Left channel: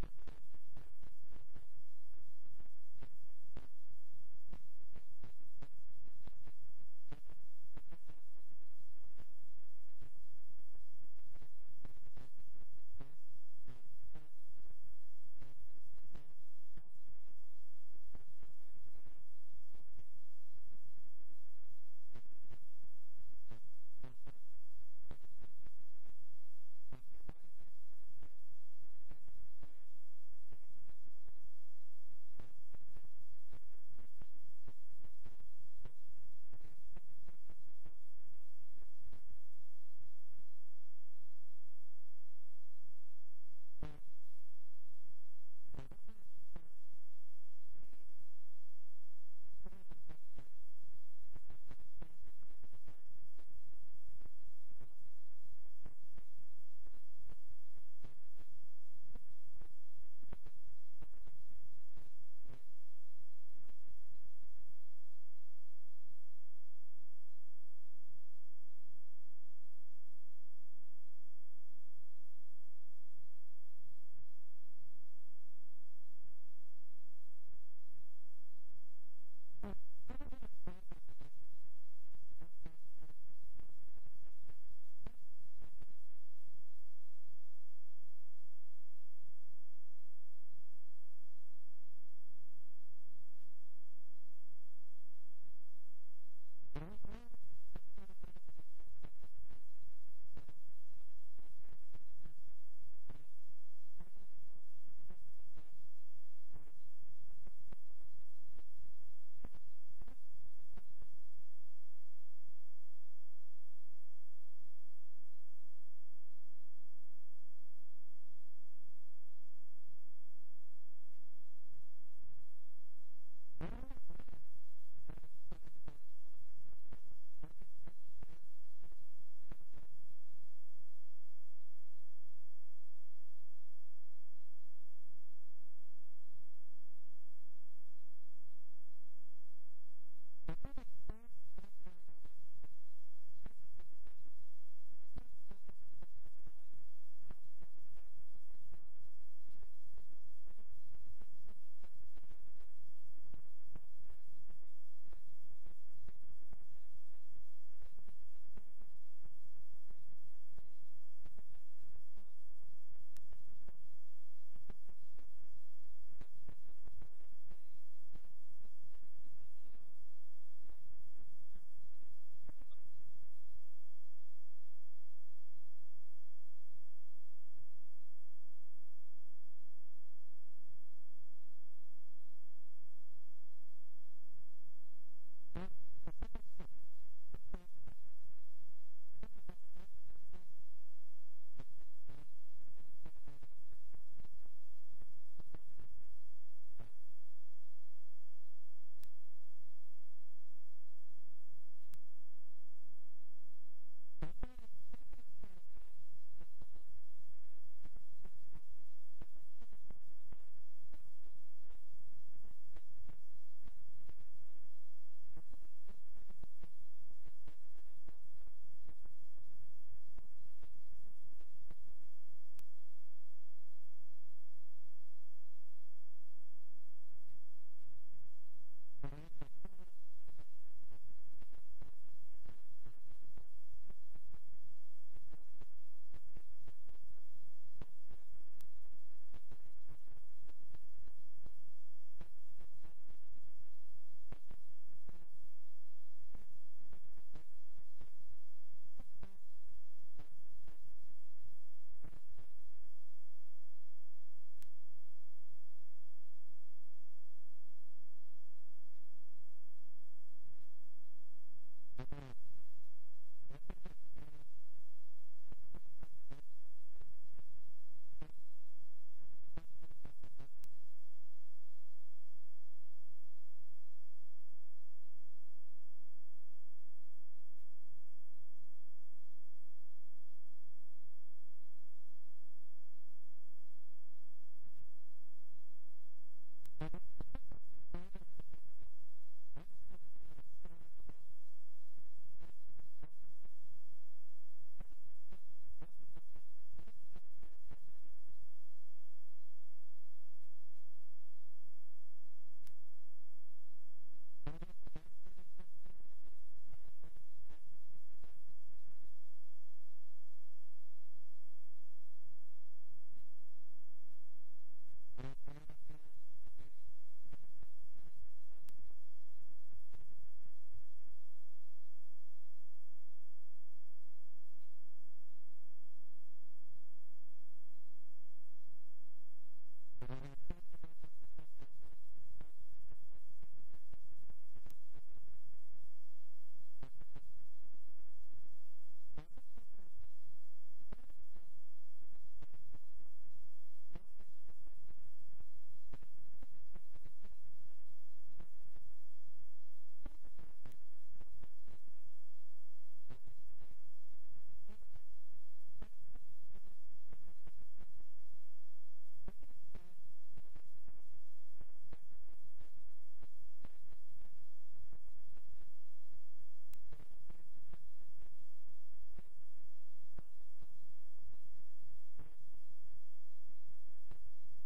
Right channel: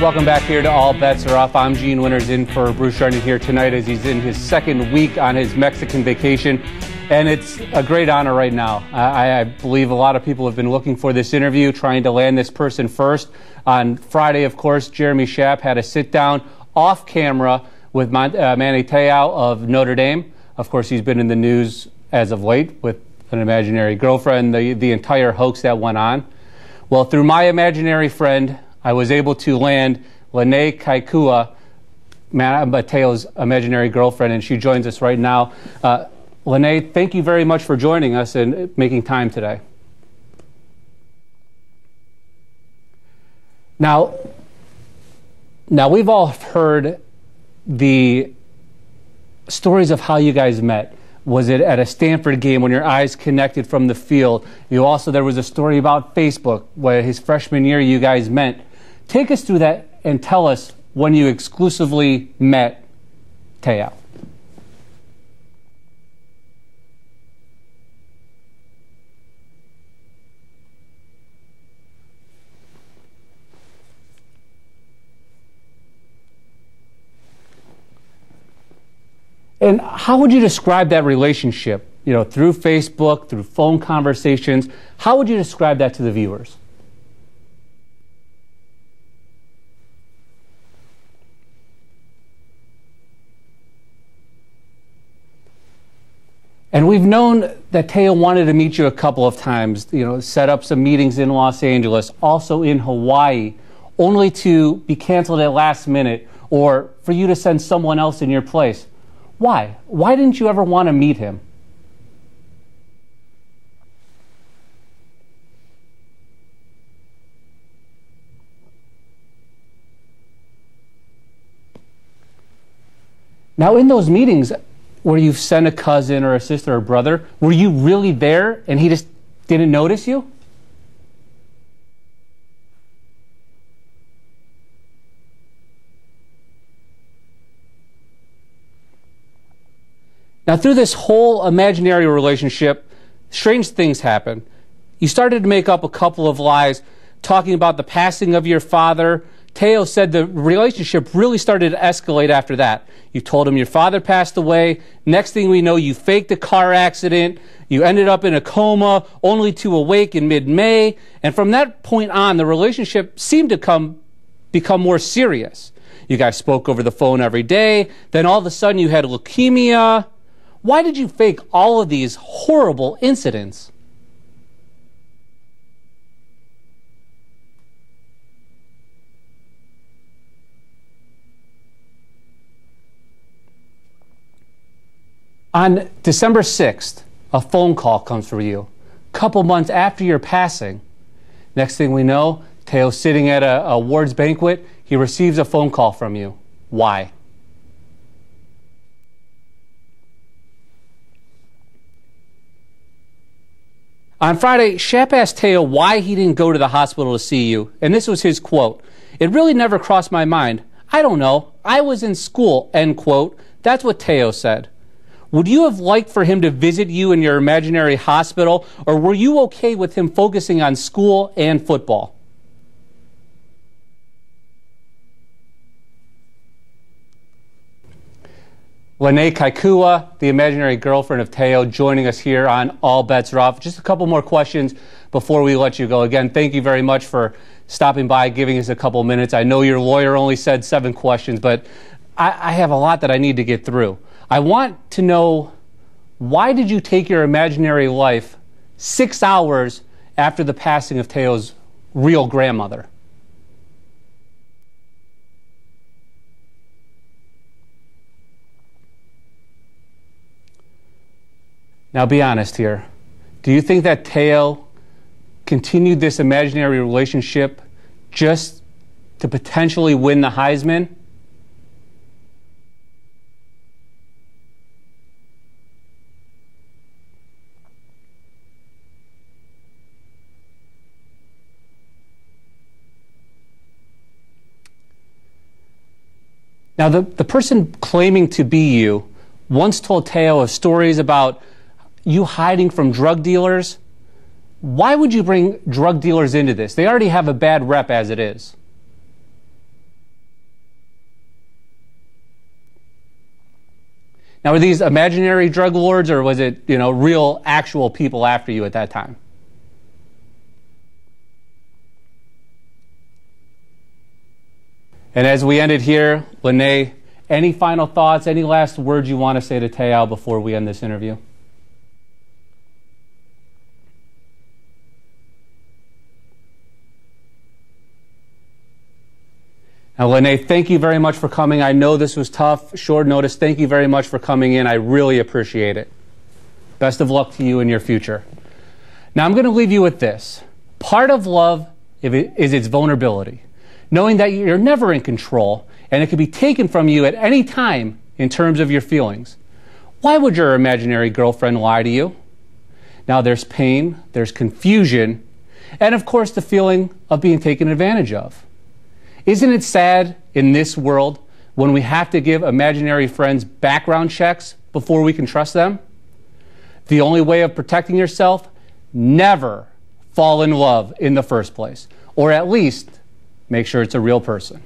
Welcome back here to All Bets Are Off. I'm Gene Winters in for Bruce Arnett here tonight as he's in his second week on his Mexican vacation. And it's a great honor right now. I believe a lot of people have been looking for this interview, trying to land this person first. On Friday, of course, Jeremy Schaap had a sit-down off camera with Manti Te'o of Notre Dame. Of course, he's been in the news as of late with an imaginary girlfriend, the entire hoax that went on. Well, through my imaginary friend, I was able to land Lennay Kekua, Te'o's imaginary girlfriend, and she joins us right now. Lennay, thank you very much for joining us and making time today. Now we've all heard the stories of how you guys met. Was it at a Stanford game when your eyes connected from the field? There was a story about Facebook where his freshman year you guys met. Take us through that and tell us when you exclusively met Te'o. And how would you describe that relationship? Through Facebook, through phone conversations, how would you describe that to the viewers? And we've known that Te'o wanted to meet you a couple of times, set up some meetings in Los Angeles, also in Hawaii, only to be canceled at last minute or for you to send someone else in your place. Why? Why didn't you ever want to meet him? Now, in those meetings where you've sent a cousin or a sister or brother, were you really there and he just didn't notice you? Now, through this whole imaginary relationship, strange things happen. You started to make up a couple of lies talking about the passing of your father. Te'o said the relationship really started to escalate after that. You told him your father passed away. Next thing we know, you faked a car accident. You ended up in a coma, only to awake in mid-May. And from that point on, the relationship seemed to become more serious. You guys spoke over the phone every day. Then all of a sudden, you had leukemia. Why did you fake all of these horrible incidents? On December 6th, a phone call comes for you. A couple months after your passing. Next thing we know, Te'o's sitting at a awards banquet. He receives a phone call from you. Why? On Friday, Schaap asked Te'o why he didn't go to the hospital to see you, and this was his quote. "It really never crossed my mind. I don't know. I was in school," end quote. That's what Te'o said. Would you have liked for him to visit you in your imaginary hospital, or were you okay with him focusing on school and football? Lennay Kekua, the imaginary girlfriend of Te'o, joining us here on All Bets Are Off. Just a couple more questions before we let you go. Again, thank you very much for stopping by, giving us a couple minutes. I know your lawyer only said 7 questions, but I have a lot that I need to get through. I want to know, why did you take your imaginary life 6 hours after the passing of Te'o's real grandmother? Now be honest here. Do you think that Te'o continued this imaginary relationship just to potentially win the Heisman? Now, the person claiming to be you once told Te'o of stories about you hiding from drug dealers. Why would you bring drug dealers into this? They already have a bad rep as it is. Now, were these imaginary drug lords, or was it, real, actual people after you at that time? And as we ended here, Lennay, any final thoughts, any last words you want to say to Te'o before we end this interview? Now, Lennay, thank you very much for coming. I know this was tough, short notice. Thank you very much for coming in. I really appreciate it. Best of luck to you in your future. Now, I'm going to leave you with this. Part of love is its vulnerability, knowing that you're never in control and it can be taken from you at any time in terms of your feelings. Why would your imaginary girlfriend lie to you? Now, there's pain, there's confusion, and of course the feeling of being taken advantage of. Isn't it sad in this world when we have to give imaginary friends background checks before we can trust them? The only way of protecting yourself, never fall in love in the first place, or at least make sure it's a real person.